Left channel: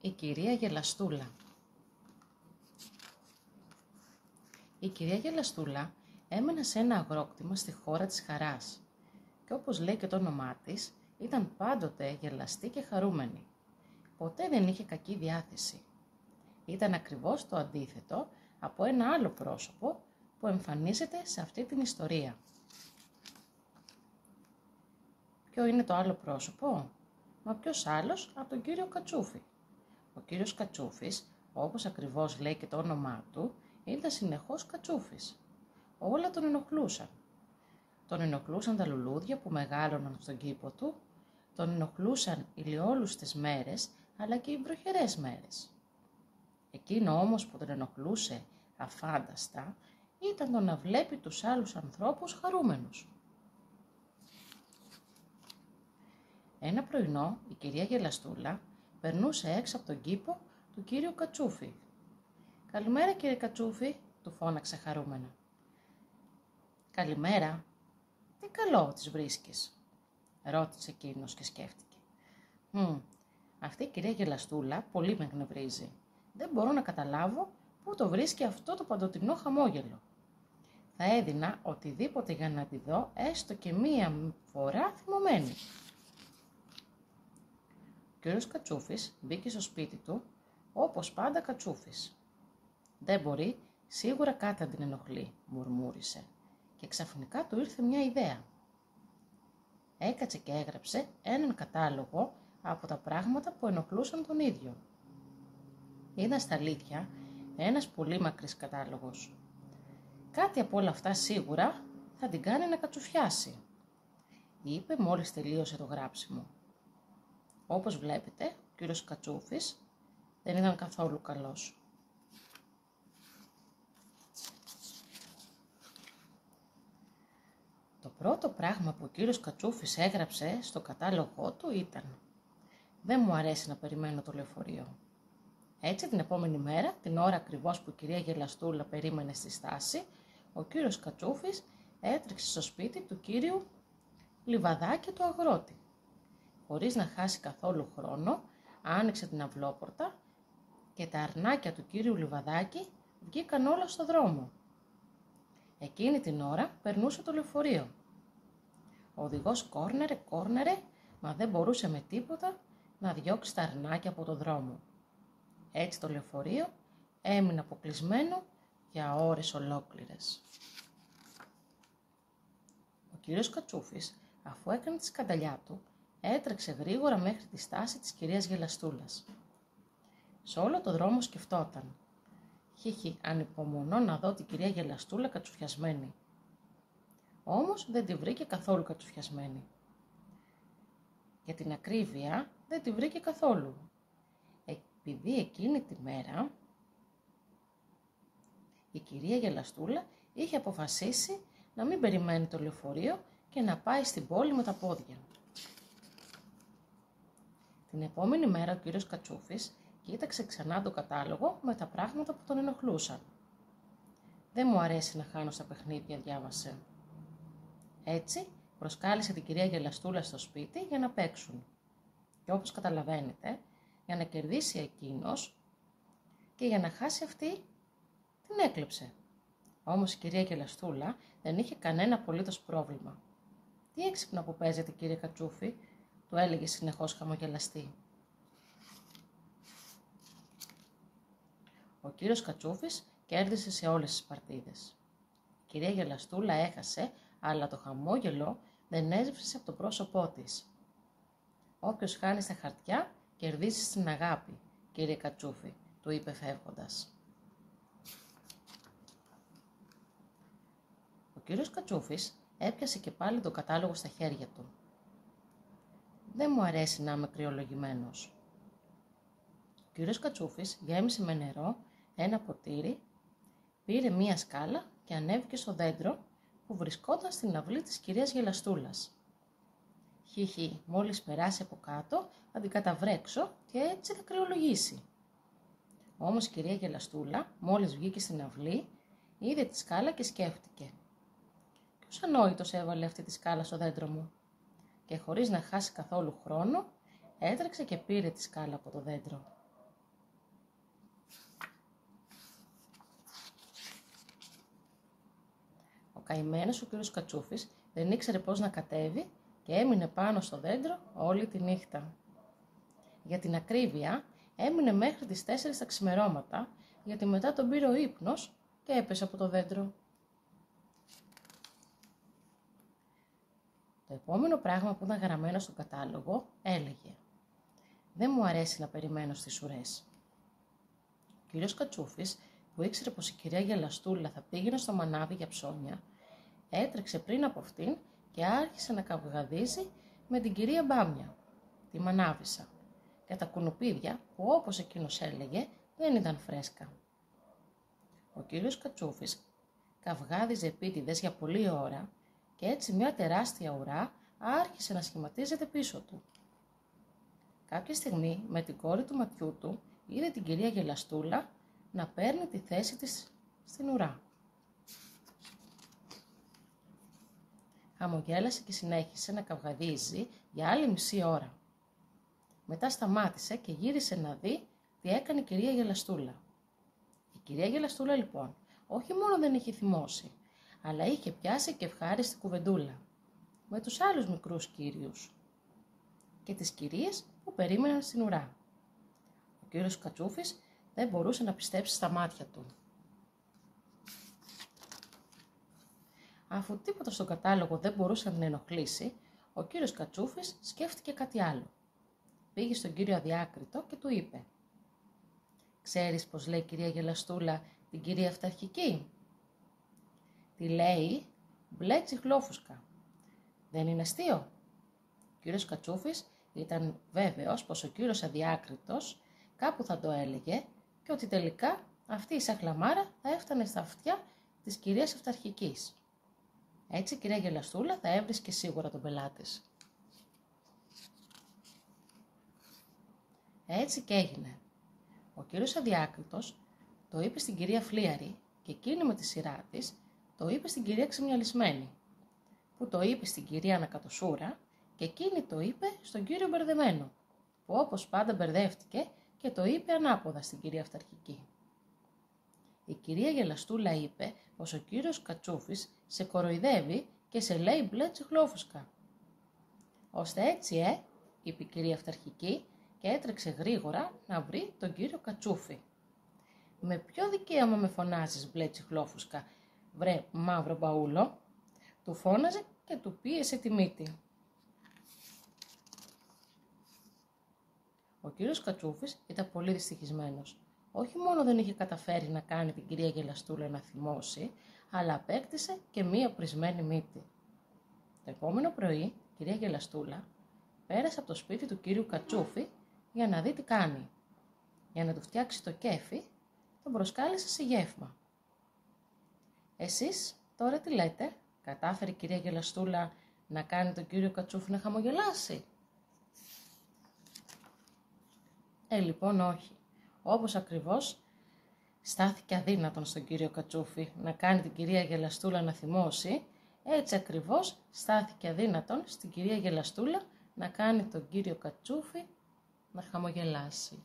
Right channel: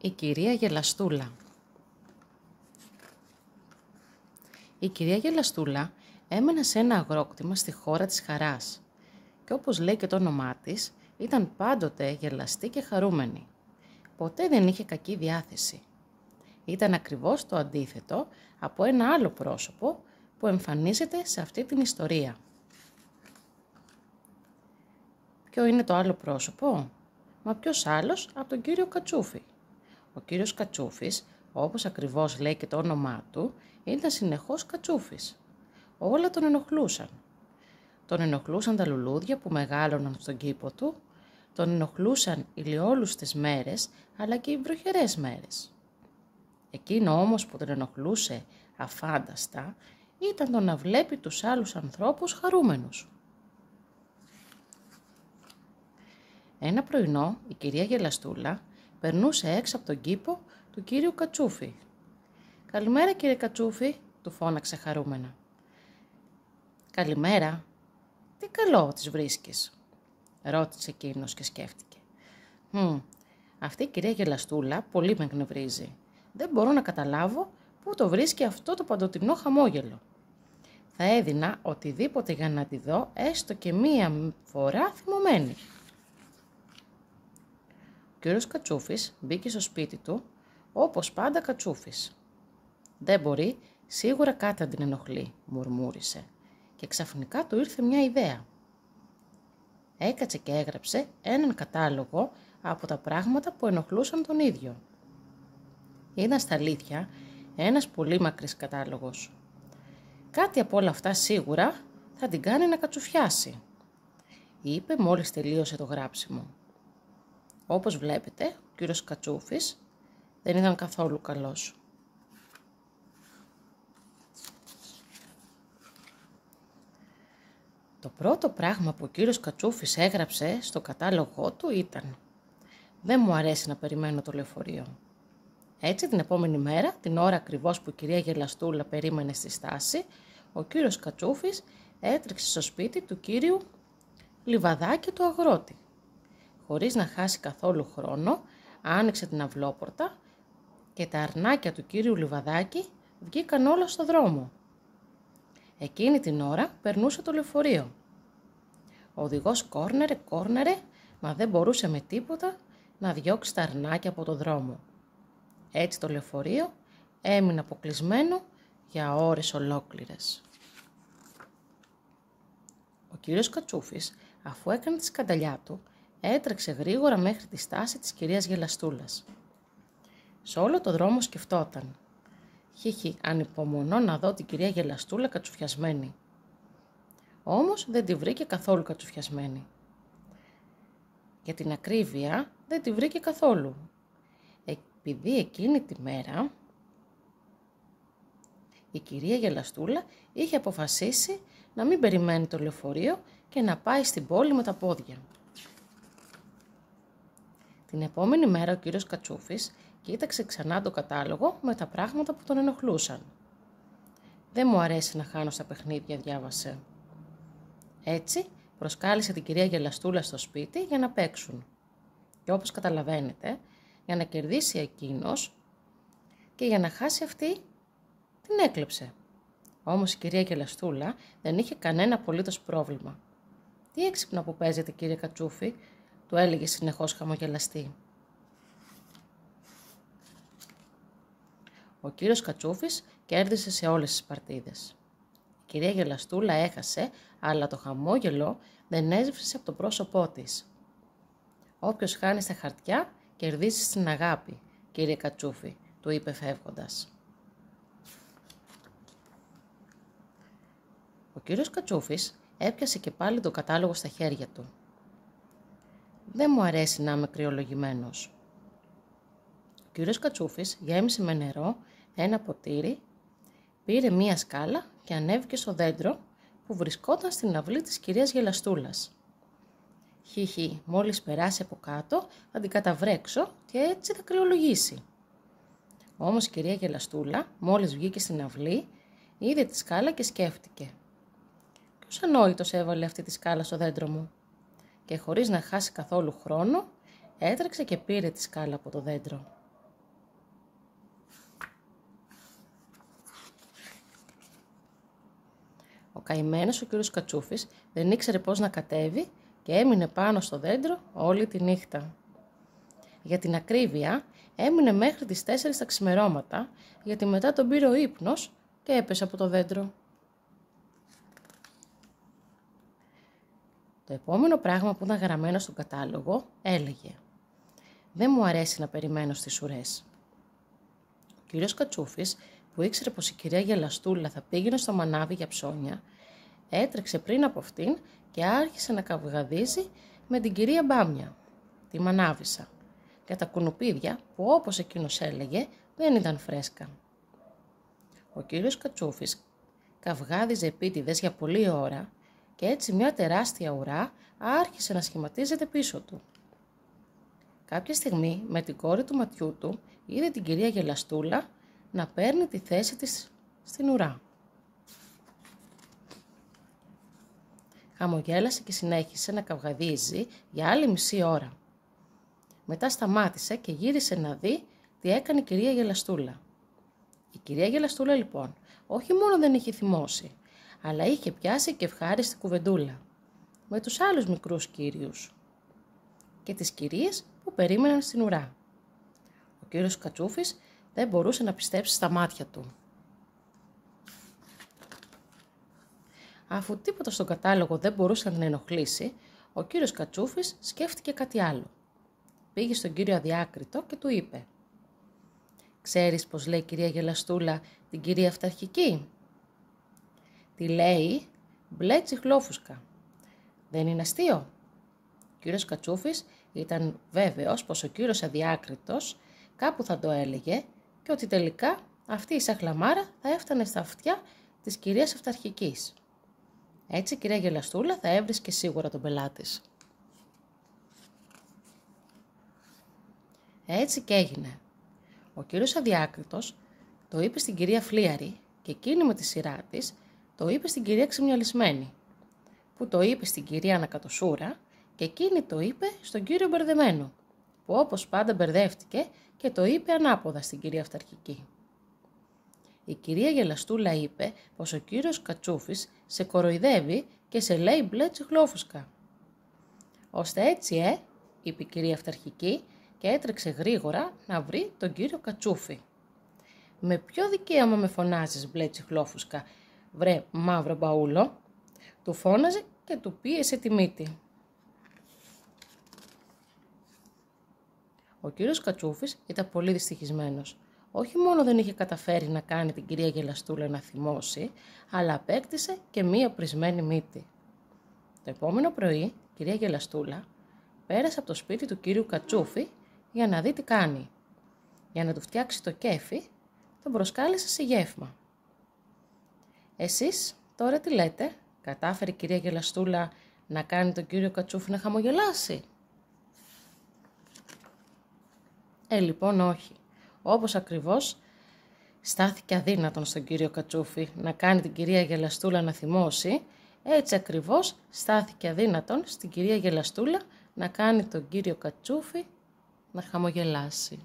Η κυρία Γελαστούλα. Η κυρία Γελαστούλα έμενε σε ένα αγρόκτημα στη χώρα της Χαράς και όπως λέει και το όνομά της, ήταν πάντοτε γελαστή και χαρούμενη. Ποτέ δεν είχε κακή διάθεση. Ήταν ακριβώς το αντίθετο από ένα άλλο πρόσωπο που εμφανίζεται σε αυτή την ιστορία. Ποιο είναι το άλλο πρόσωπο? Μα ποιος άλλος από τον κύριο Κατσούφι. Ο κύριος Κατσούφης, όπως ακριβώς λέει και το όνομά του, ήταν συνεχώς Κατσούφης. Όλα τον ενοχλούσαν. Τον ενοχλούσαν τα λουλούδια που μεγάλωναν στον κήπο του, τον ενοχλούσαν οι λιόλουστες μέρες, αλλά και οι βροχερές μέρες. Εκείνο όμως που τον ενοχλούσε αφάνταστα ήταν το να βλέπει τους άλλους ανθρώπους χαρούμενους. Ένα πρωινό η κυρία Γελαστούλα περνούσε έξω από τον κήπο του κύριου Κατσούφη. «Καλημέρα κύριε Κατσούφη», του φώναξε χαρούμενα. «Καλημέρα. Τι καλό τις βρίσκεις?» ρώτησε εκείνος και σκέφτηκε. Αυτή η κυρία Γελαστούλα πολύ με εκνευρίζει. Δεν μπορώ να καταλάβω πού το βρίσκει αυτό το παντοτινό χαμόγελο. Θα έδινα οτιδήποτε για να τη δω έστω και μία φορά θυμωμένη». Ο κύριος Κατσούφης μπήκε στο σπίτι του, όπως πάντα Κατσούφης. «Δεν μπορεί, σίγουρα κάτι να την ενοχλεί», μουρμούρισε, και ξαφνικά του ήρθε μια ιδέα. Έκατσε και έγραψε έναν κατάλογο από τα πράγματα που ενοχλούσαν τον ίδιο. Ήταν στα αλήθεια ένας πολύ μακρύς κατάλογος. Κάτι από όλα αυτά σίγουρα θα την κάνει να κατσουφιάσει, είπε μόλις τελείωσε το γράψιμο. Όπως βλέπετε, ο κύριος Κατσούφης δεν ήταν καθόλου καλός. Το πρώτο πράγμα που ο κύριος Κατσούφης έγραψε στο κατάλογό του ήταν «Δεν μου αρέσει να περιμένω το λεωφορείο». Έτσι την επόμενη μέρα, την ώρα ακριβώς που η κυρία Γελαστούλα περίμενε στη στάση, ο κύριος Κατσούφης έτρεξε στο σπίτι του κύριου Λιβαδάκη του αγρότη. Χωρίς να χάσει καθόλου χρόνο, άνοιξε την αυλόπορτα και τα αρνάκια του κύριου Λιβαδάκη βγήκαν όλα στο δρόμο. Εκείνη την ώρα περνούσε το λεωφορείο. Ο οδηγός κόρνερε, μα δεν μπορούσε με τίποτα να διώξει τα αρνάκια από το δρόμο. Έτσι το λεωφορείο έμεινε αποκλεισμένο για ώρες ολόκληρες. Ο κύριος Κατσούφης, αφού έκανε τη σκανταλιά του, έτρεξε γρήγορα μέχρι τη στάση της κυρίας Γελαστούλας. Σε όλο το δρόμο σκεφτόταν. Ανυπομονώ να δω την κυρία Γελαστούλα κατσουφιασμένη. Όμως δεν τη βρήκε καθόλου κατσουφιασμένη. Για την ακρίβεια δεν τη βρήκε καθόλου. Επειδή εκείνη τη μέρα η κυρία Γελαστούλα είχε αποφασίσει να μην περιμένει το λεωφορείο και να πάει στην πόλη με τα πόδια. Την επόμενη μέρα ο κύριος Κατσούφης κοίταξε ξανά το κατάλογο με τα πράγματα που τον ενοχλούσαν. «Δεν μου αρέσει να χάνω στα παιχνίδια», διάβασε. Έτσι προσκάλεσε την κυρία Γελαστούλα στο σπίτι για να παίξουν. Και όπως καταλαβαίνετε, για να κερδίσει εκείνος και για να χάσει αυτή, την έκλεψε. Όμως η κυρία Γελαστούλα δεν είχε κανένα απολύτως πρόβλημα. «Τι έξυπνα που παίζετε, κύριε Κατσούφη», του έλεγε συνεχώς χαμογελαστή. Ο κύριος Κατσούφης κέρδισε σε όλες τις παρτίδες. Η κυρία Γελαστούλα έχασε, αλλά το χαμόγελο δεν έσβησε από το πρόσωπό της. «Όποιος χάνει στα χαρτιά, κερδίζει στην αγάπη, κύριε Κατσούφη», του είπε φεύγοντας. Ο κύριος Κατσούφης έπιασε και πάλι το κατάλογο στα χέρια του. «Δεν μου αρέσει να είμαι κρυολογημένος». Ο κύριος Κατσούφης γέμισε με νερό ένα ποτήρι, πήρε μία σκάλα και ανέβηκε στο δέντρο που βρισκόταν στην αυλή της κυρίας Γελαστούλας. Μόλις περάσει από κάτω θα την καταβρέξω και έτσι θα κρυολογήσει. Όμως η κυρία Γελαστούλα μόλις βγήκε στην αυλή, είδε τη σκάλα και σκέφτηκε. «Ποιος ανόητος έβαλε αυτή τη σκάλα στο δέντρο μου?» Και χωρίς να χάσει καθόλου χρόνο, έτρεξε και πήρε τη σκάλα από το δέντρο. καημένος ο κύριος Κατσούφης δεν ήξερε πώς να κατέβει και έμεινε πάνω στο δέντρο όλη τη νύχτα. Για την ακρίβεια, έμεινε μέχρι τις 4 τα ξημερώματα, γιατί μετά τον πήρε ο ύπνος και έπεσε από το δέντρο. Το επόμενο πράγμα που ήταν γραμμένο στον κατάλογο έλεγε «Δεν μου αρέσει να περιμένω στις ουρές». Ο κύριος Κατσούφης, που ήξερε πως η κυρία Γελαστούλα θα πήγαινε στο μανάβι για ψώνια, έτρεξε πριν από αυτήν και άρχισε να καυγαδίζει με την κυρία Μπάμια, τη μανάβισσα, και τα κουνουπίδια που, όπως εκείνος έλεγε, δεν ήταν φρέσκα. Ο κύριος Κατσούφης καυγάδιζε επίτηδες για πολλή ώρα και έτσι μια τεράστια ουρά άρχισε να σχηματίζεται πίσω του. Κάποια στιγμή, με την κόρη του ματιού του, είδε την κυρία Γελαστούλα να παίρνει τη θέση της στην ουρά. Χαμογέλασε και συνέχισε να καυγαδίζει για άλλη μισή ώρα. Μετά σταμάτησε και γύρισε να δει τι έκανε η κυρία Γελαστούλα. Η κυρία Γελαστούλα λοιπόν όχι μόνο δεν είχε θυμώσει, αλλά είχε πιάσει και ευχάριστη κουβεντούλα με τους άλλους μικρούς κύριους και τις κυρίες που περίμεναν στην ουρά. Ο κύριος Κατσούφης δεν μπορούσε να πιστέψει στα μάτια του. Αφού τίποτα στον κατάλογο δεν μπορούσε να την ενοχλήσει, ο κύριος Κατσούφης σκέφτηκε κάτι άλλο. Πήγε στον κύριο Αδιάκριτο και του είπε «Ξέρεις πως λέει η κυρία Γελαστούλα την κυρία Αυταρχική?» «Τη λέει μπλε τσιχλόφουσκα. Δεν είναι αστείο?» Ο κύριος Κατσούφης ήταν βέβαιος πως ο κύριος Αδιάκριτος κάπου θα το έλεγε και ότι τελικά αυτή η σαχλαμάρα θα έφτανε στα αυτιά της κυρίας Αυταρχικής. Έτσι η κυρία Γελαστούλα θα έβρισκε σίγουρα τον πελάτη. Έτσι και έγινε. Ο κύριος Αδιάκριτος το είπε στην κυρία Φλίαρη και εκείνη με τη σειρά της το είπε στην κυρία Ξεμιαλισμένη, που το είπε στην κυρία Ανακατοσούρα και εκείνη το είπε στον κύριο Μπερδεμένο, που όπως πάντα μπερδεύτηκε και το είπε ανάποδα στην κυρία Αυταρχική. Η κυρία Γελαστούλα είπε πως ο κύριος Κατσούφης σε κοροϊδεύει και σε λέει μπλε τσιχλόφουσκα. «Ώστε έτσι, είπε η κυρία Αυταρχική και έτρεξε γρήγορα να βρει τον κύριο Κατσούφη. «Με ποιο δικαίωμα με φωνάζεις μπλε τσιχλόφουσκα, βρε μαύρο μπαούλο?» του φώναζε και του πίεσε τη μύτη. Ο κύριος Κατσούφης ήταν πολύ δυστυχισμένος. Όχι μόνο δεν είχε καταφέρει να κάνει την κυρία Γελαστούλα να θυμώσει, αλλά απέκτησε και μία πρισμένη μύτη. Το επόμενο πρωί, η κυρία Γελαστούλα πέρασε από το σπίτι του κύριου Κατσούφη για να δει τι κάνει. Για να του φτιάξει το κέφι, τον προσκάλεσε σε γεύμα. «Εσείς τώρα τι λέτε?» κατάφερε η κυρία Γελαστούλα να κάνει τον κύριο Κατσούφη να χαμογελάσει. Λοιπόν όχι. Όπως ακριβώς στάθηκε αδύνατον στον κύριο Κατσούφη να κάνει την κυρία Γελαστούλα να θυμώσει, έτσι ακριβώς στάθηκε αδύνατον στην κυρία Γελαστούλα να κάνει τον κύριο Κατσούφη να χαμογελάσει.